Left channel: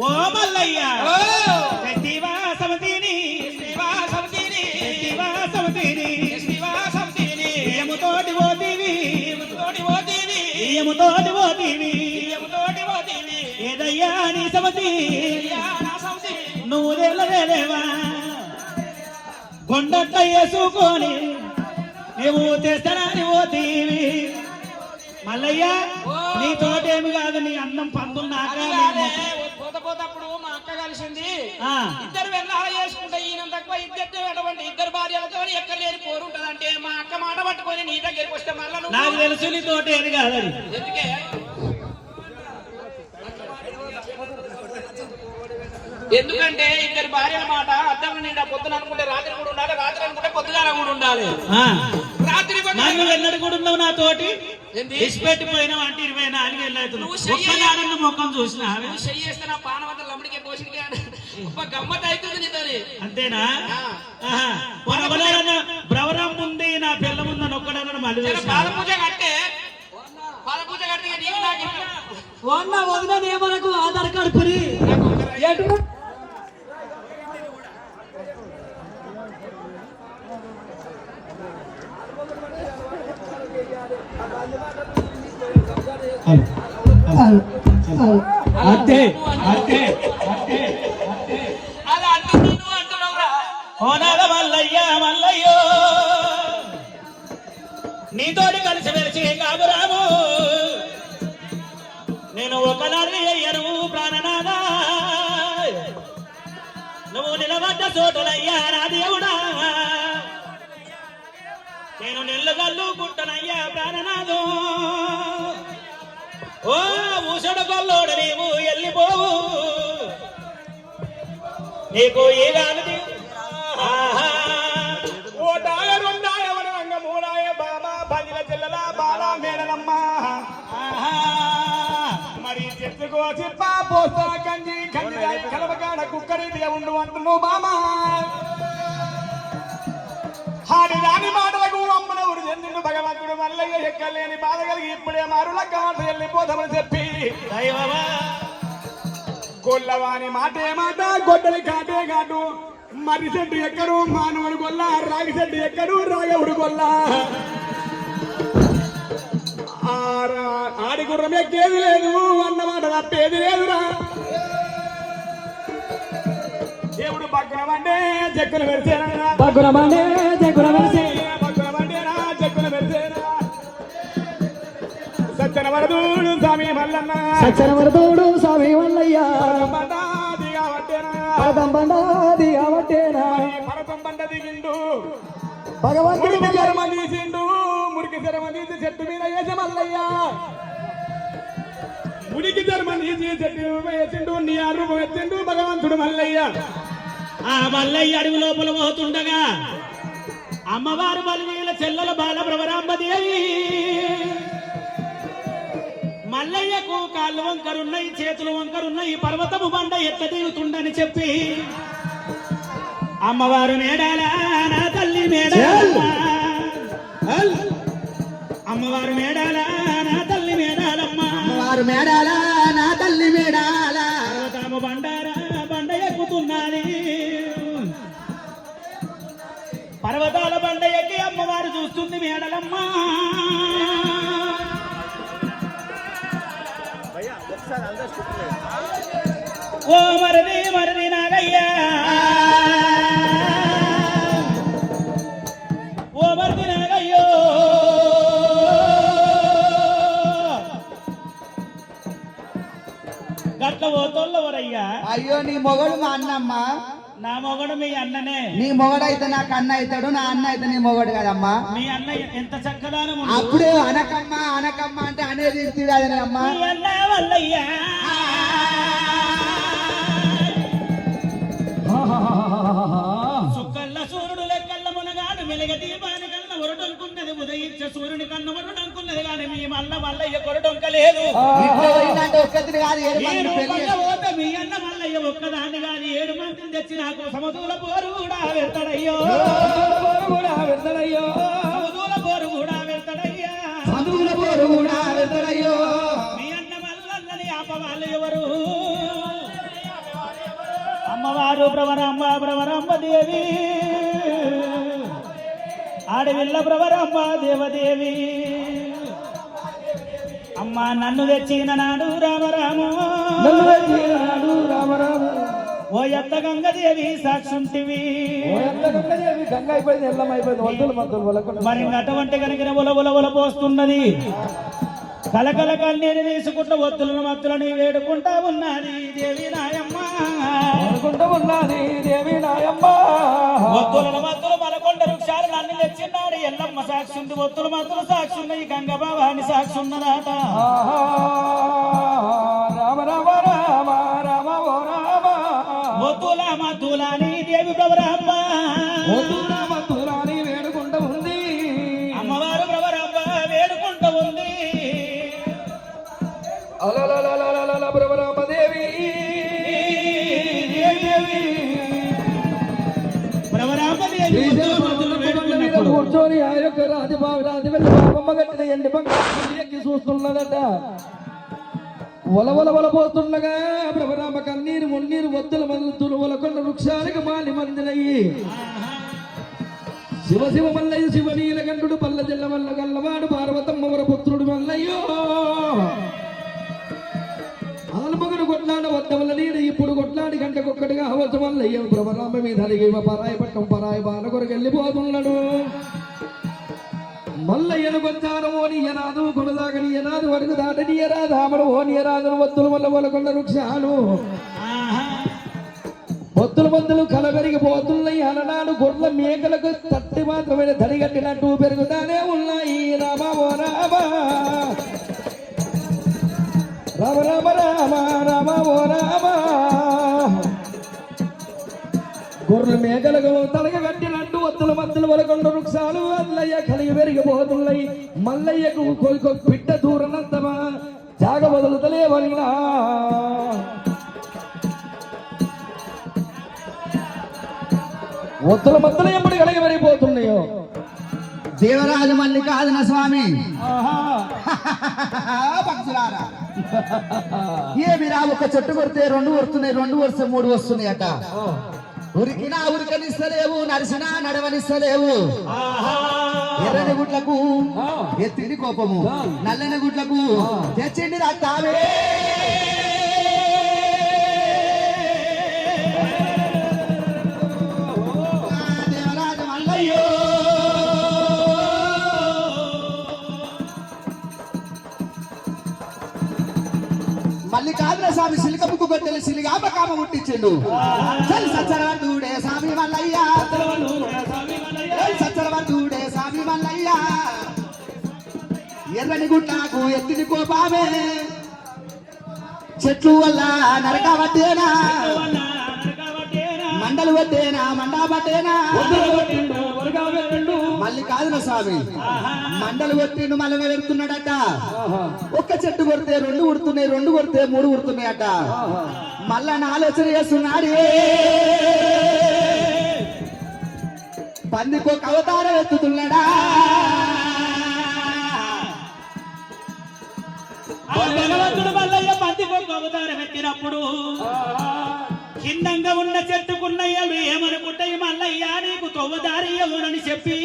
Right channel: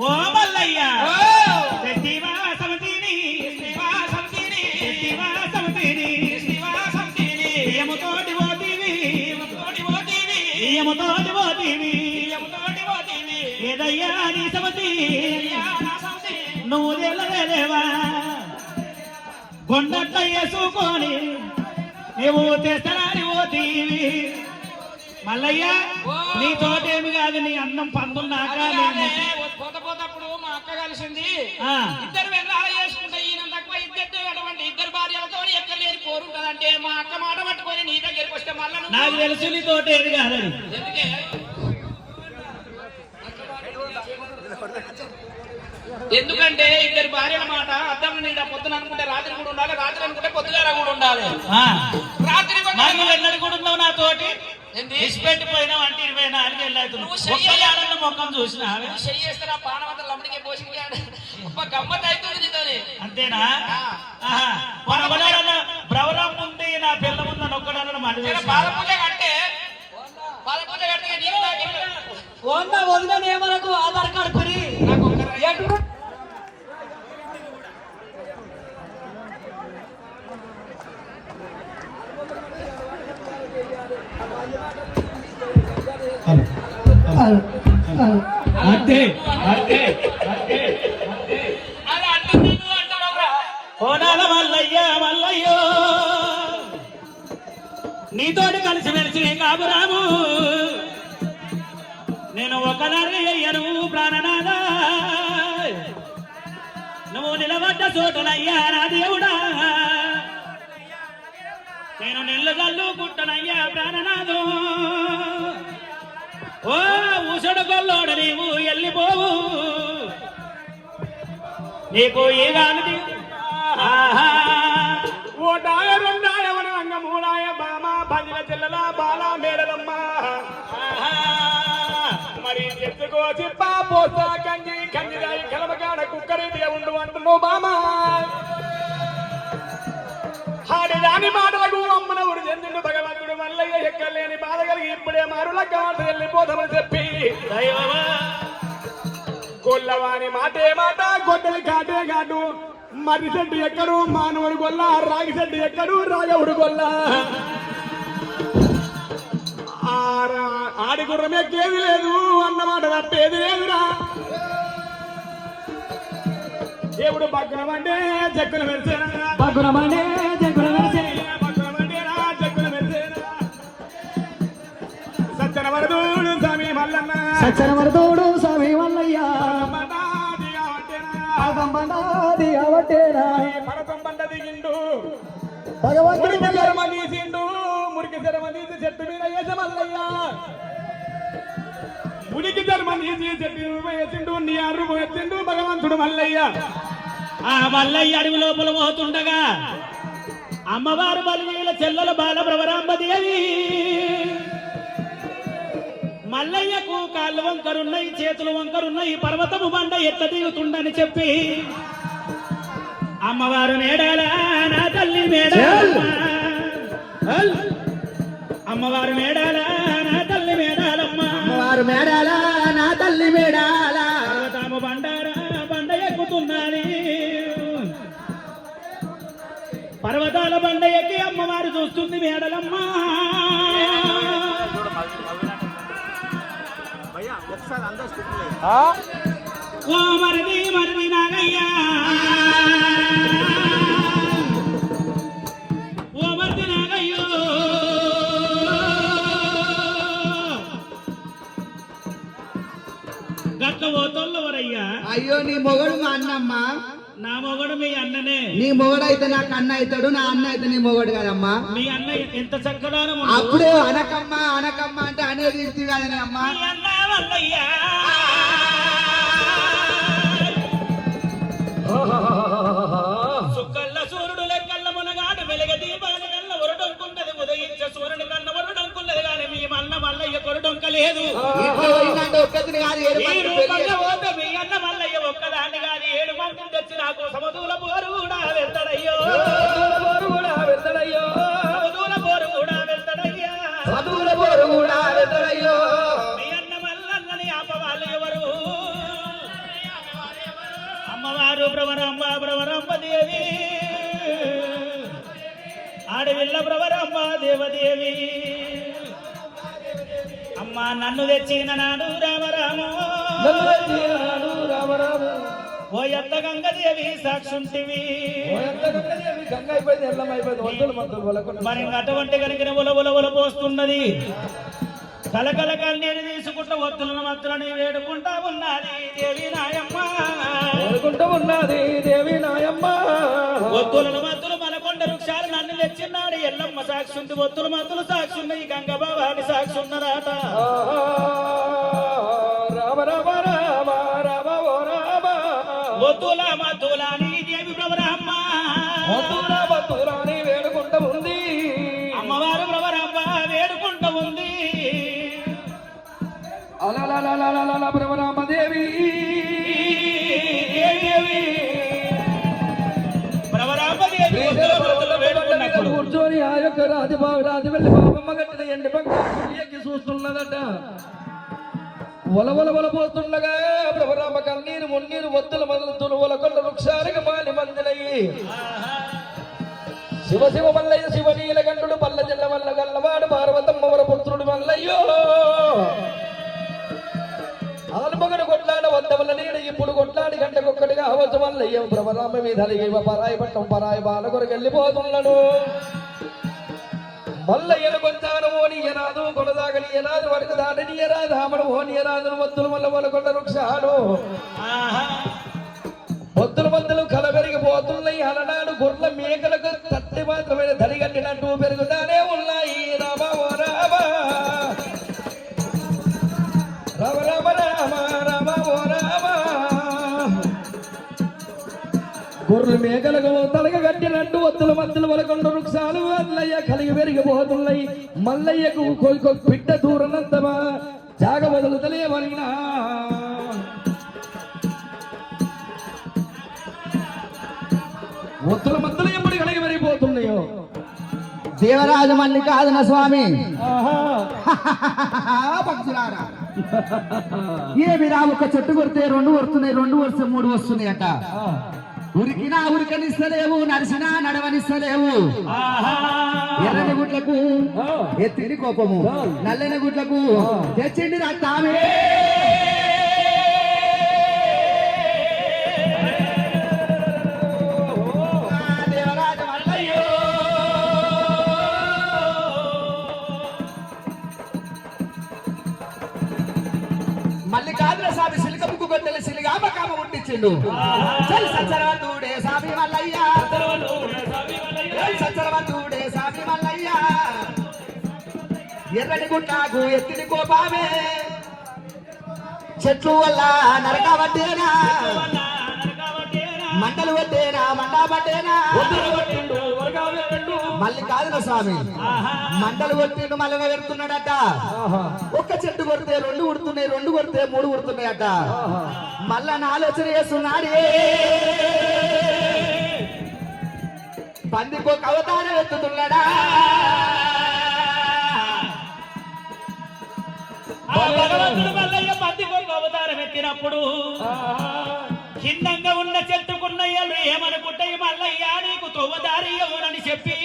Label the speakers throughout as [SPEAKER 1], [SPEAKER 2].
[SPEAKER 1] ఓ
[SPEAKER 2] మల్లయ్య. శివా
[SPEAKER 1] సమితిని శివా సమితిని
[SPEAKER 2] ఏదయ్యా నీ సమితి?
[SPEAKER 1] నువ్వు దేవా కొండట్ట వేసుకొని నువ్వు తెస్తానని పోతీవి మల్లయ్య నీ తోటేమి కాదు నీ అన్నం
[SPEAKER 2] పందున్నాక
[SPEAKER 1] ఆ.
[SPEAKER 2] ఇద్దరు వెళ్ళాల చేసుకుంటే ఈయన తక్కువ ఇద్దరు అటువంటి ఇద్దరు భార్యలతో ఎక్కడ లేని కోరుంటదంటే మా అక్క మాట పట్టుకొని నీ దగ్గరికి వస్తే మళ్ళా
[SPEAKER 1] నాకు తెలుసు నీ కాదని.
[SPEAKER 2] ఎందుకే? ఎందుకంటే ఇద్దరు భార్యల మాట అద్దం నిండా పొద్దున అనుకుంటే రాత్రి కూడా ఉండాలి రాత్రి అనుకుంటే పొద్దుగాల కూడా ఉండాలి. రాత్రి
[SPEAKER 1] నువ్వు ఎన్నడు కూడా ఉన్నావు నా తోటి?
[SPEAKER 2] ఏంది?
[SPEAKER 1] ఇసిపెట్టి పోయినావు అంటే ఇరవై నాలుగు వెళ్ళాడు ఒక్కదానన్న ముఖం చూసిన
[SPEAKER 2] నువ్వు
[SPEAKER 1] అంతేనా? బ్రవరం ఉంది నా పిల్ల ముందు అని ఒక్కడన్న మళ్ళీ
[SPEAKER 2] జర పాల పూజ కట్టే. పాల పూజ కట్టే
[SPEAKER 3] మనకు ఆధార్ కార్డు
[SPEAKER 2] ఒక
[SPEAKER 3] ఎటు?
[SPEAKER 1] అంతే అంతే అంతే మల్లయ్య నీతోటి కలిసి మెలిసి కాబురాము నేను ఒకనాడు అయ్యను ప్రాణనాథా నువ్వు నిలబడ్డ చోటలయ్యా నా దేవుడా నేను నిల్లగల్లు పుట్టనయ్యా ప్రాణనాథు. ఓ నీకు.
[SPEAKER 4] ఓ డాయ రెండాయ వనంగ బామ చెల్లెల బాల మేడలమ్మ. మరి చెప్పుకో చెప్ప పోస్తా కంగి కంగిరాయి కలవకాడ కుక్కరీటిగా ఉండు అంటున్నావు బామ రాని చెందిండు భగవంతుడు మల్లయ్య ఎక్కలేని బాధ కలిగి ఇప్పుడే మారుల కాదు వెళ్ళిపోతామని చెప్పి
[SPEAKER 1] దైవమా.
[SPEAKER 4] గొల్లవాని మాటే మాట గొడ్డల కాటే కాదు మర్రి చెట్టు ఎక్కడు? మానవుడు గొల్ల రాగి చెట్టు ఎక్కడు? రాగవుడు గొల్ల. ఆడి గుర్రం ఎక్కేది లేదు అన్నమాట తప్పేది లేదురా. దేవుడు భగ్నం అంటే చెక్కున పెడితేనా
[SPEAKER 3] బగురమనే జగుర వెలిసే
[SPEAKER 4] భగ్నం వరదూడు స్వామి మల్లన్న.
[SPEAKER 3] సచ్చన వరదోడు స్వామి
[SPEAKER 4] బండ దిగవట్టేనా
[SPEAKER 3] పదంబండాది అవటేనా
[SPEAKER 4] పరతం బండ దిగిండు
[SPEAKER 3] భగవంతుడు
[SPEAKER 4] శరమ తీసిండు. మురికి శరమ తీసి చెట్టు మీద వేసమల్లయ్యా మురికి శరమ తీసి చెట్టు వేసిండు. నీ అరుగు ఎత్తిండు భగవంతుడు మల్లయ్య.
[SPEAKER 1] ఆ మల్లయ్య అడవి లోపల పోతుండగా అమ్మవారు బలినీల చెల్లెల బాల దేవి. మల్లయ్యకు కాళ్ళు వంకరున్నాయి చేతులు వంకరున్నాయి పర్వతము బండ ఎట్ల దిగుతుండని చెప్పి అమ్మవారు మేడాలా నా తల్లి మేడాలమ్మ. అమ్మవారు మేడాలా నా తల్లి మేడాలమ్మ
[SPEAKER 3] వారు మేడాల నా తల్లి మేడాల
[SPEAKER 1] పర్వతము బండారా బండ ఎక్కుతున్నది పర్వతాల బండ ఎక్కి అమ్మవారు చూస్తుంది మేడలమ్మ. ఓ మరది మరది నాగయ్యా. ఓ మరది నాగయ్యో. గట్ల పోతోళ్ళవరయ్యా
[SPEAKER 3] అయ్యో నీ మొగడు మా అన్నమ్మ.
[SPEAKER 1] నా మొగడు మీ అన్ననే.
[SPEAKER 3] నీ మొగడు అయితే నాకు అన్న అవుతాడు నా అన్న అయితే నీ మొగడు కదమ్మా.
[SPEAKER 1] మీ అన్న ఎంత చక్కదానం
[SPEAKER 3] అప్పుడు అనకమ్మ అనకమ్మ అంటే అనేది కాదని అమ్మా.
[SPEAKER 1] మీ అన్న వల్లయ్యా. సుక్కల్ల సూర్యుడు లెక్కల్ల మునగాడు వెలగ దీపాని కన్న వరుడొంకున్నది ఉదయించే సూర్యుని కన్న వరుడొంకున్నది కానీ మీ మల్ల మల్లయ్య కొరడొంకలేదు మీ అన్న మల్లయ్య ఒక్కదాన్ని కాని ఏడు మందిని తెచ్చి నాకు సమదూల ప్రవరమ్మ ప్రవరమ్మ దేవి ఆడవిల్ల ప్రవరమ్మ దేవదేవి అమ్మా నన్ను తెచ్చిన నాడు రామరాము. ఓ ఎత్త గంగదేవి సాక్షుంటివి. మరి అటువంటి కలిగిన ఉల ఉల ఉల పోస్తున్నది. కలకల కన్నీరు తీసుకుంటూ ఒత్తులను మత్తులని వేడుకుంటా ఉన్నది దేవి నాయమ్మ
[SPEAKER 5] అనుకుంటూ ఉన్నది
[SPEAKER 1] ఒత్తులను మత్తులు మలకొండ వృక్షాలు నన్ను తెచ్చినాడు ఎల్లమ్మ సాక్షి ఒత్తుల మత్తులు సాక్షి ఉన్నాయి గంగ భవాని సాక్షి ఉన్నదాట
[SPEAKER 5] ఎండి ఎక్కి చూస్తున్నదట? వలవల వల పోతుండగా బ్రహ్మరామ కన్నీరు మున్నీరు మొత్తులు మొదలుతులు ఒలకొండ వృక్షానికి మాలి మందులయ్యి. శివ శివ మల్లయ్య శివ నీలకంఠుడు పల్ల జిల్ల మల్ల గల్లవాడు పార్వతమ్మ వర పుత్రుడు మల్లయ్యో. అలమగడు కొట్లాడ వద్ద వల్ల నీడ ఇప్పుడు కొట్లాడి గంటకొక్కటిగా అవచ్చు మల్లయ్య. భ్రమరామ మీద పరాయి పట్టం పరాయి బాల కొరకు వెళ్ళిపోతున్నాడు. మల్లయ్యను కొట్టాడు ఓని ఎరాదు కొనదాగని ఎరాదు వరకు దాటని ఎరాదు ఆమడు ఓని ఎరాదు వత్తులు వల్ల వలకొండ వృక్షాలు. పొత్తుల మందులు కలబెరిగిపోతున్నాయి అలనాడు గొర్రెల మేకలకు తట్టి మాత్రమే తడిగట్టినట్టు పెరుగుతానే ఉన్నాయి. రామ ఓ రామ. రామ రామ రామ రామ ఓ రామ. గొర్రెల మేకలకు తలగ కట్టినట్టు ఒత్తుల మధ్యల వలకొండ వృక్షాలు. మల్లయ్యకు కొయ్యి పిట్ట దూరనంత జాగ వదులుతలే వల్ల ఒత్తుల మధ్యలో ఎప్పుడు కలిగి పెరిగిపోతున్నాయో
[SPEAKER 3] దేవరాజ మల్లికార్జున స్వామి. పక్షులారా. ఏమి రా ఒక చెట్టు కొడితే రెండు వస్తున్నాయి రెండు వస్తే మూడు వస్తున్నాయి అట ఉరికినా ఉరికనిస్తలేవు నరిసినా నడవనిస్తలేవు. ఎర్రని గుడ్లకు ఎత్తిడి కోపము. నల్లని గుడ్లకు తెచ్చిండి రక్తామే దేవరాజ ఎర్రని గుట్టాకు ఎత్తిని కోపామే చెట్లు వల్ల నరక పట్టేనా మండలు పట్టేనా? మండా పట్టేనా? మళ్ళీ కాదు స్వామి? మండలు కొట్టిండు మళ్ళీ వెళ్తున్నాడట. ఒక్క చెట్టు కొడితే రెండు ఉడుతున్నాయి రెండు కొడితే మూడు ఉడుతున్నాయట మళ్ళా నా ఆలోచన చేస్తున్నాడు. పందికో అవతారం ఎత్తుతున్నాడా?
[SPEAKER 1] భగవంతుడు మల్లయ్య మంది కొరకు అవతారం ఎత్తినప్పుడు చిన్నంగా ఉన్న చెట్టుకున్నయ్యలు ఏమనుకుంటాయి మల్లయ్య నీకు తొవ్వదారి అవునని చెప్పి.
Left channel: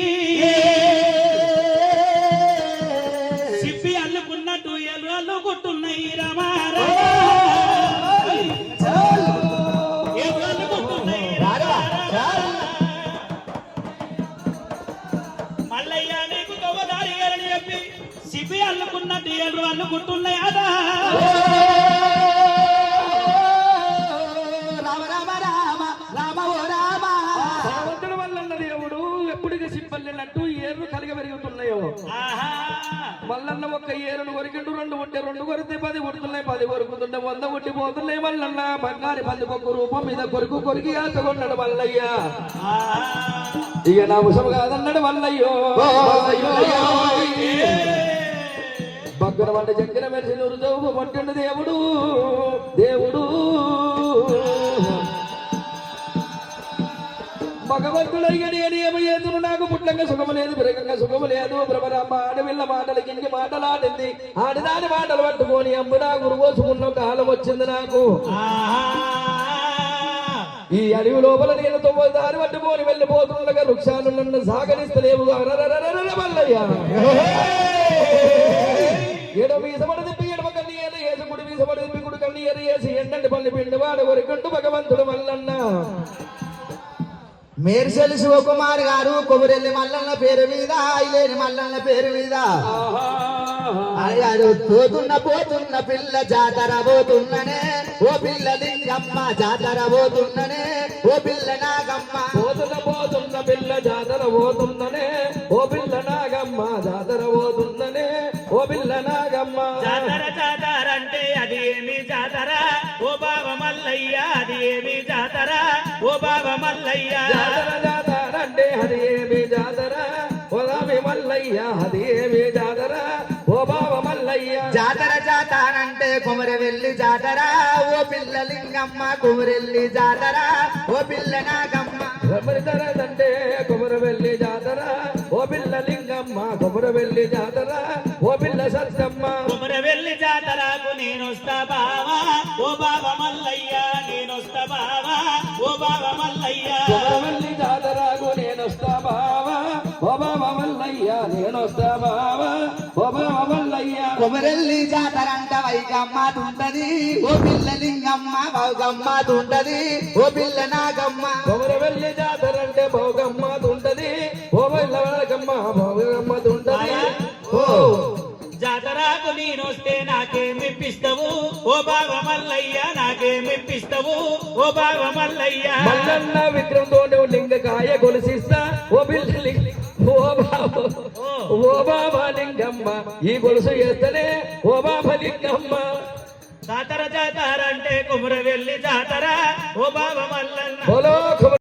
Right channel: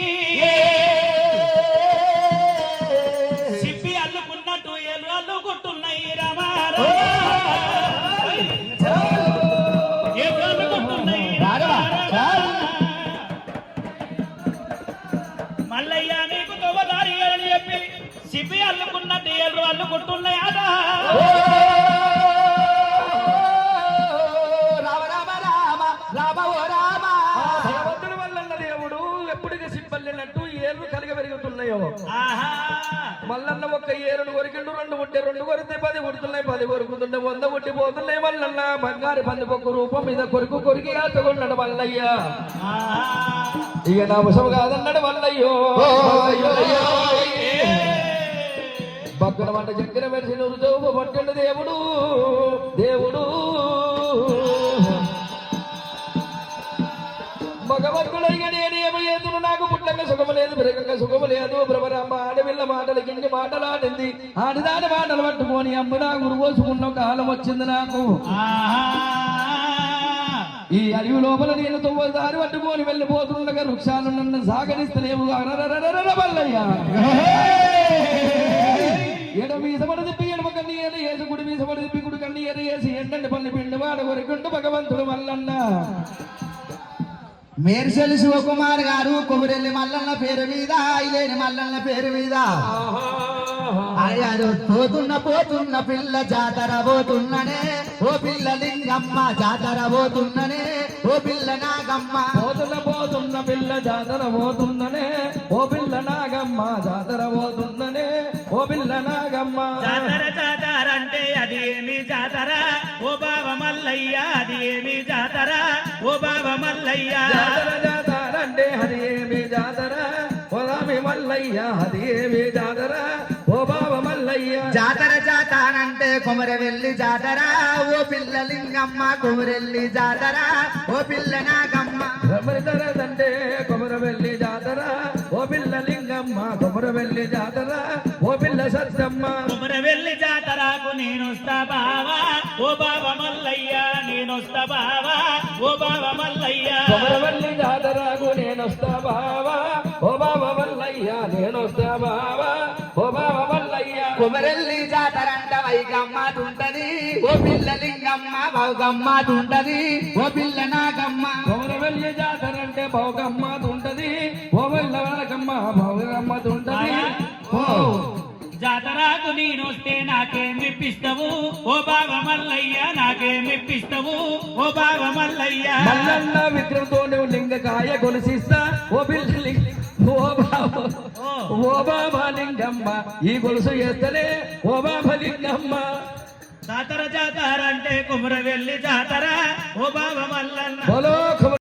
[SPEAKER 1] చెప్పి అల్లుకున్నట్టు ఏళ్ళు అల్లుకుంటున్నాయి రామా
[SPEAKER 5] ఎప్పుడు సింపల్లినట్టు ఏర్లు కలిగి పెరుగుతున్నాయో
[SPEAKER 1] ఆహా!
[SPEAKER 5] మల్లన్న ఒక్క ఏరును కొరికిండు రెండు ఉంటే రెండు కొరితే పది కొడుతున్నాయి పది కొరుకుతుంటే వంద కొట్టి పోతున్నాయి. మల్లన్న బంగారు పందుకొక్క రూపం మీద కొరుకు కొరికి ఆచకొన్నాడు మల్లయ్య. ఇక నా ముసము కాదన్నాడు మల్లయ్యో. భక్తుల వంట చక్కెర మెరిసి నురుజోపు పట్టండు దేవుడు. దేవుడు. సుఖంగా సుఖము లేదు బిరకంగా సుఖము లేదు. భ్రమరామ ఆడవిల్ల మాటలు గింటి మాటలాడింది. ఆడిదాని మాటలు పట్టుకొని అమ్ముడా గురువోసుకున్న కాలం వచ్చింది నాకు. ఈ అడవి లోపల నేను తొమ్మిది దారి పట్టుకొని వెళ్ళిపోతుండగా వృక్షాలు నన్ను సాగరిస్తలేవు. అరరరరరర మల్లయ్య. తిప్పి ఎడమ కన్నీ ఏరి వేసి గుడి వీసపడ తిప్పి గుడి కన్ని ఏరి వేసి ఎండండి పల్లి పిండి వాడు వరకు భగవంతుడు వల్లన్నా
[SPEAKER 3] మేర్సెలి శివకుమార్ గారు కొమరెల్లి మల్లన్న పేరు మీద ఐలేని మల్లన్న పేరు మీద. అయ్యాడు పోతున్న పోతున్న పిల్ల జాతర పోతున్ననే. ఓ పిల్ల లింగమ్మ జాతర పోతున్ననే. ఓ పిల్ల నాగమ్మ.
[SPEAKER 5] పోతున్న పోతున్న పిల్ల జాతర పోతుందనే
[SPEAKER 1] మల్లయ్య అది ఏమి జాతర. ఓ బావ మల్లయ్య.
[SPEAKER 5] జాతర
[SPEAKER 3] జాతరంటే కొమరవెల్లి జాతర. ఓ పిల్ల లింగమ్మ కొమరెల్లి జాతర. ఓ పిల్ల నాగమ్మ.
[SPEAKER 5] కొమరదరదంటే కొమరవెల్లి జాతర. ఓ పిల్ల లింగమ్మ కొమరవెల్లి జాతర. ఓ పిల్ల సత్తమ్మ.
[SPEAKER 1] కుమర వెళ్ళి జాతరకు నేనొస్తా బావా. ఓ బావ మల్లయ్య నేనొస్తా బావా. ఓ బావ మల్లయ్య.
[SPEAKER 3] తుంటది ఓ పిల్ల నాగమ్మ.
[SPEAKER 5] కొమరవెల్లి జాతర అంటే భోగమ్మ తుంటది ఓ వల్లగమ్మ భోగమ్మ తుంటది
[SPEAKER 3] ఓ
[SPEAKER 1] జాతరకు నేనొస్తే నాకేమిప్పిస్తావు ఓ బావ మల్లయ్య నాకేమిప్పిస్తావు ఓ బావ మల్లయ్య
[SPEAKER 5] మల్లన్న విగ్రహంతో నువ్వు లింగకాయ గొలుసిస్తా. ఓ పిల్ల లింగ ఓ బాబా ఓ. బాబా లింగమ్మ ఈ గొలుసు ఎత్తలే. ఓ బాబా లింగమ్మ.
[SPEAKER 1] జాతర జాతర అంటే కుమర వెళ్ళి జాతర. ఓ బావ మల్లన్న.